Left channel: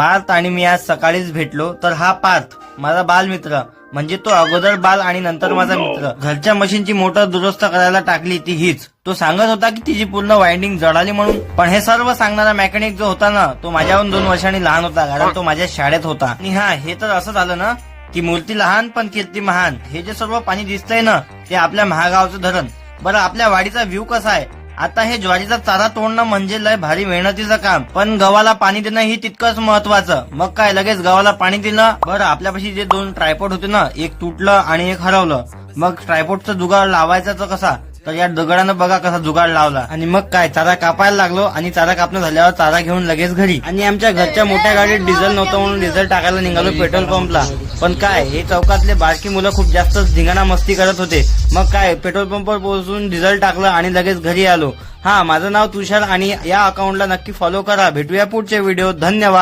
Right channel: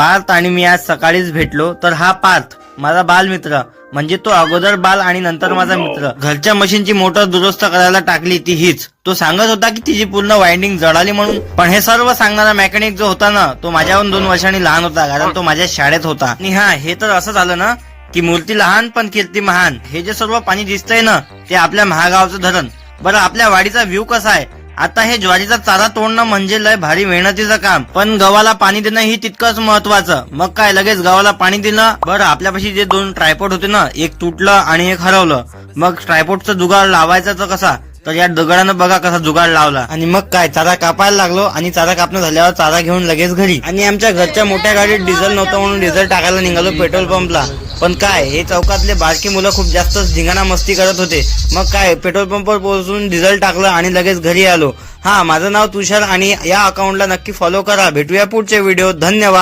पार्थ आणि मी आज सकाळीच भेटलो, तर हा पार्थ माझा बालमित्र, म्हणजे तो अगोदर बाल आणि नंतर माझा मित्र. घरच्या मशीनची मोटर दुरुस्त करायला टाकली ती हीच. तो सांगत होता की तिची पूर्ण वाइंडिंग जळाली म्हणून, पण हे सर्व सांगणारा मेकॅनिक जो होता ना, तो माझ्याहून 2 वर्षांनी लहान होता, कारण तो माझ्या शाळेत होता. आणि हा, हे तर असं झालं ना की मूर्ती लहान पण कीर्ती महान. हे जे सर्व पाणी दिसतंय ना, ते आपल्या महागावचं धरण. बरं, आपल्या वाडीचा व्ह्यू कसा आहे? आता हे ज्वारीचा चारा तोडणं म्हणजे लय भारी मेहनतीचं काम, पण गव्हाला पाणी देणं ही तितकंच महत्वाचं. मग काय, लगेच गव्हाला पाणी दिलं. बरं, आपल्यापाशी जे 2 ट्रायपॉड होते ना, एक तुटलं आणि एक हरवलं. मग ट्रायपॉडचा जुगाड लावायचा तर कसा? तर या दगडानं बघा कसा जुगाड लावला. आणि मग काय, चारा कापायला लागलो आणि चारा कापणं झाल्यावर चारा घेऊन लगेच घरी. आणि आमच्या घरच्या मोठ्या गाडीत डिझेल नव्हतं म्हणून डिझेल टाकायला निघालो पेट्रोल पंपला. पण काय, हे चौकातले बारकी मुलं खूप जास्त धिंगाणा मस्ती करत होते. मग काय, पेट्रोल पंपवर पोहोचून डिझेल टाकलं आणि लगेच घरी आलो. हा, माझं नाव तुषार आणि या अकाउंटला नक्की फॉलो करा. भेटूया पुढच्या व्हिडिओ. धन्यवाद.